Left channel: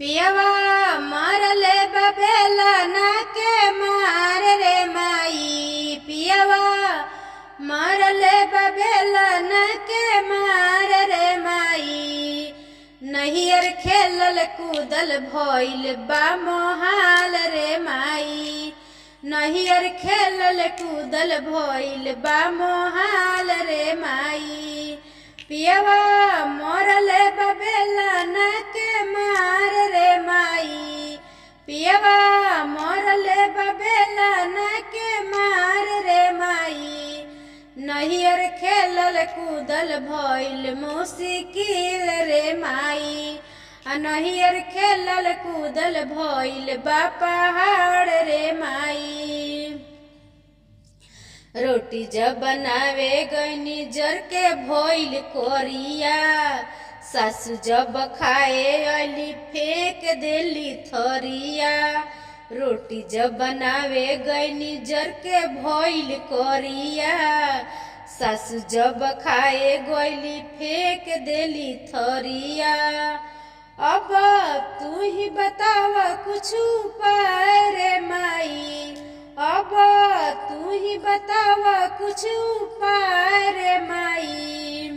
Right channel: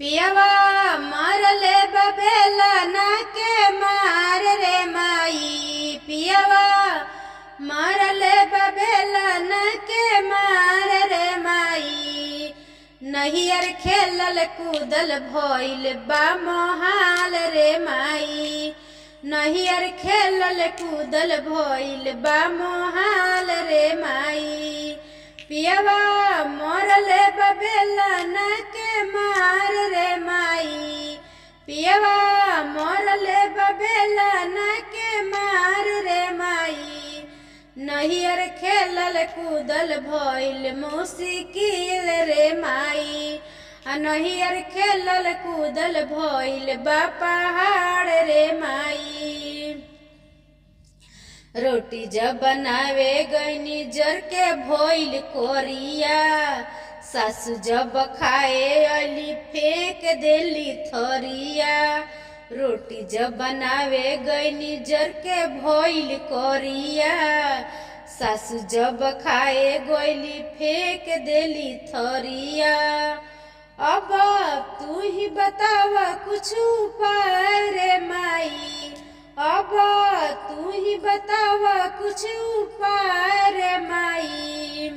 पियवा मरले बबेला ना के मार रे माई। पियवा मरले बबेला ना के मार रे माई। नहियर खेलल कूदल भइल बा मोहाल रे माई। नहियर खेलल कूदल भइल बा मोहाल रे माई। पियवा मरले बबेला ना के मार रे माई। पियवा मरले बबेला ना के मार रे माई। नहियर खेलल कूदल भइल मुश्किल रे माई। नहियर खेलल कूदल भइल बा पहाड़ रे माई। रोटी जब बनावे गईनी जर के भइल कोरिया। सासू जब खाए अली फेंक देली थरिया। रोटी जब बनावे गईनी जर के भइल कोरिया। सासू जब खाए गईली फेंक देली थरिया। अब तू ही बतावा कुछ उपाय रे माई। अब तू ही बतावा कुछ उपाय रे माई।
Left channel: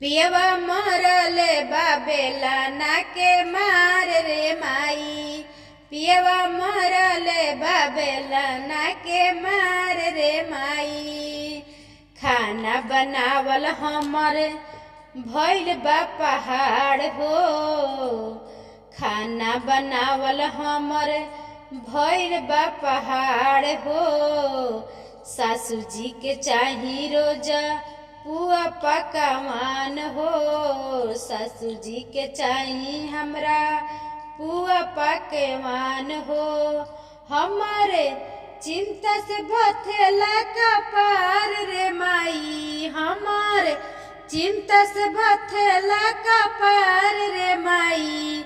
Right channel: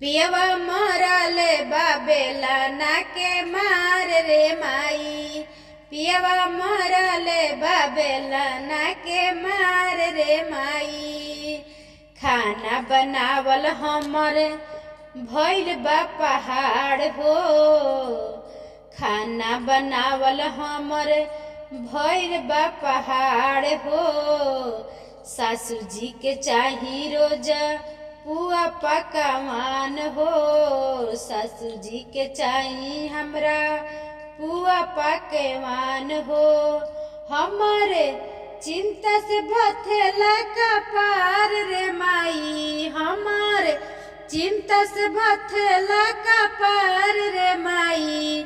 पियवा मरले बबेला ना के मार रे माई। पियवा मरले बबेला ना के मार रे माई। खाना बनावल हमर भइल बा पहाड़ हो। खाना बनावल हमर भइल बा पहाड़ हो। सासू जी के चाही रोजा पुआ पकवान हो। सासू जी के चाही हमरा पुआ पकवान हो। हमारे चिंता से बथेला कपार रे माई। हमारे चिंता से बथेला कपार रे माई।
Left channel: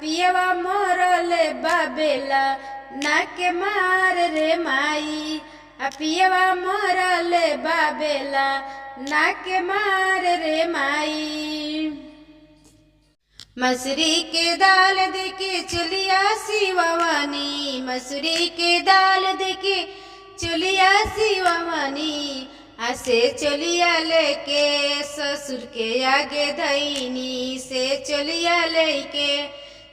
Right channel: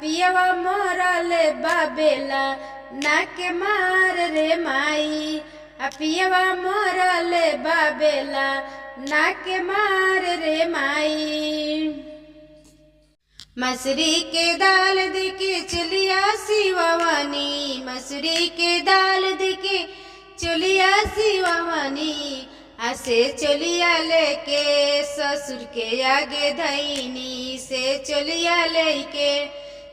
पियवा मरले बबेला ना के मार रे माई। पियवा मरले बबेला ना के मार रे माई। मसूरी के दाल देके चलिया शिवानी। मसूरी के दाल देके चलिया शिवानी। से चलिया लेके ससुर के आगे धैनी। से चलिया लेके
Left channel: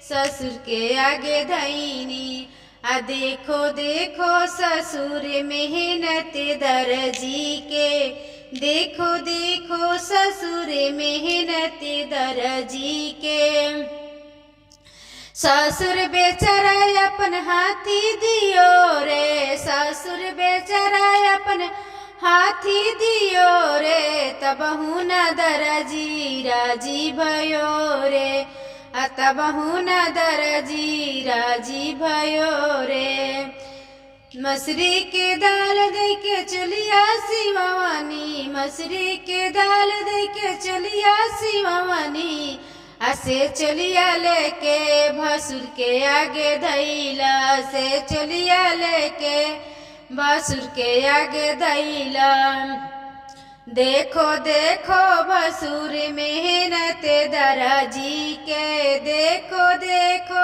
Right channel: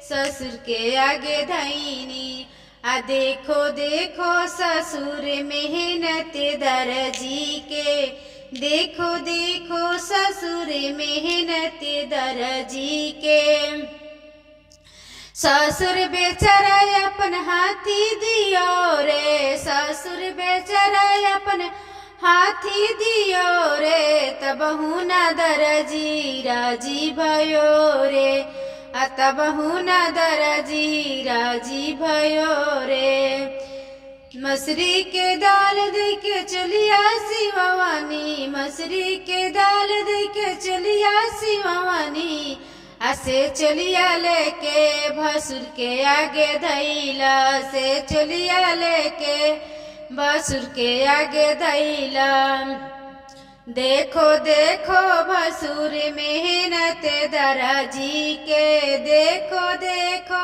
ससुर के आगे धैनी। देखो देखो ससुर मेहनत दर्जी के। देखो देखो ससुर मेहनत दर्जी के। ससुर बेचारा अपन हाथी दियो रे। ससुर बेचारा अपन हाथी दियो रे। तबहु न दर्जी राजी भयो रे। तबहु न दर्जी राजी भयो रे। मसूरी के दाल देके चलिया शिवानी। मसूरी के दाल देके चलिया शिवानी। से चलिया लेके भसुर के आगे धैला। से चलिया लेके भसुर के आगे धैला। देखो देखो भसुर मेहनत दर्जी के। देखो देखो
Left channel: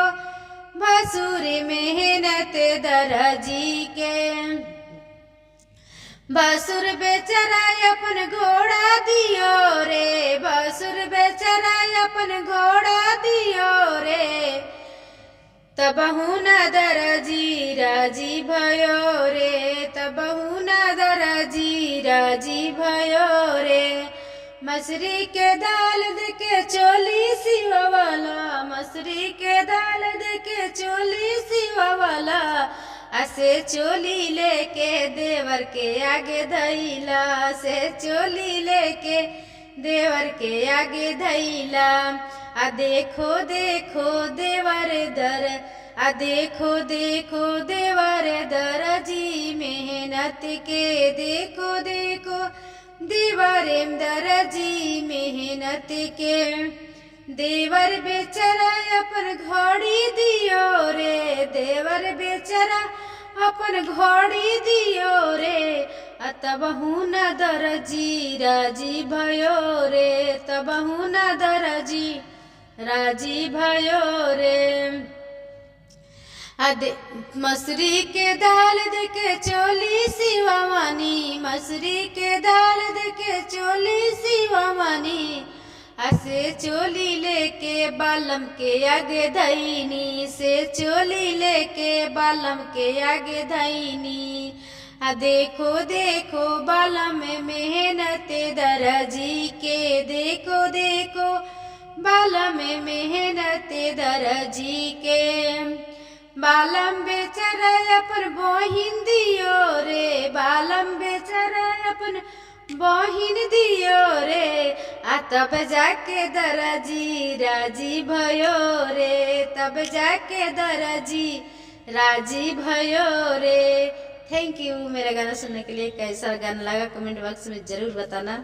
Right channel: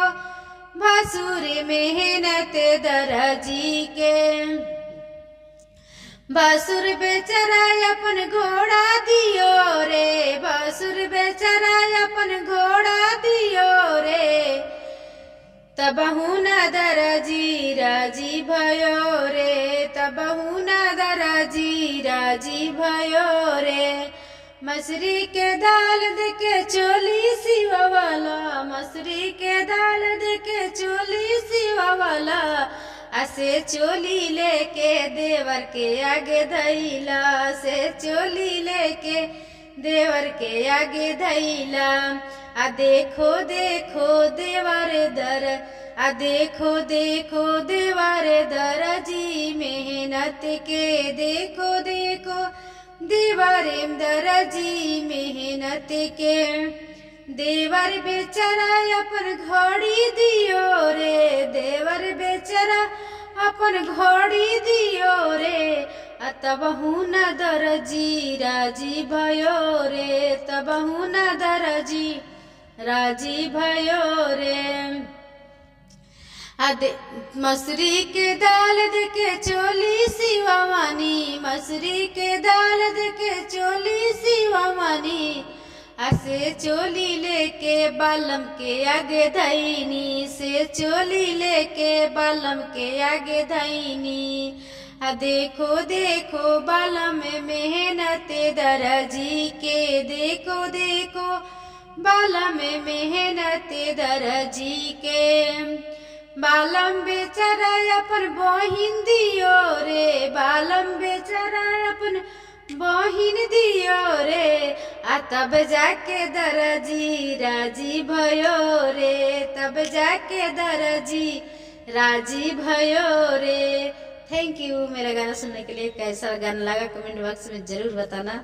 भसुर मेहनत दर्जी के। भसुर बेचारा अपन घोड़ा दियो रे। भसुर बेचारा अपन घोड़ा दियो रे। तबहु न दर्जी राजी भयो रे। तबहु न दर्जी राजी भयो रे। मसूरी के दाल देके चोली सिवावाला। मसूरी के दाल देके चोली सिवावाला। से चोली लेके देवर के आगे धैला। से चोली लेके देवर के आगे धैला। देखो देखो देवर दर। देखो देखो देवर दर्जी मेहनत के। देखो देखो देवर दर्जी मेहनत के। देवर बेचारा अपन घड़ी दियो रे। देवर बेचारा अपन घड़ी दियो रे। तबहु न दर्जी राजी भयो रे। तबहु न दर्जी राजी भयो रे। मसूरी के दाल दे के चोली सिवा मानी, मसूरी के दाल दे के चोली सिवा मानी, से चोली लेके बालम के आगे धैनी, से चोली लेके बालम के आगे धैनी। देखो देखो बालम में मेहनत दर्जी के, देखो देखो बालम में मेहनत दर्जी के। बालम बेचारा अपन बहिन दियो रे, बालम बेचारा अपन बहिन दियो रे। तब जाके दर्जी राजी भयो रे, तब जाके दर्जी राजी भयो रे। थैंक यू मेरा गाना सुनने के लिए। कैसा गाना लगा कमेंट बॉक्स में जरूर बताना।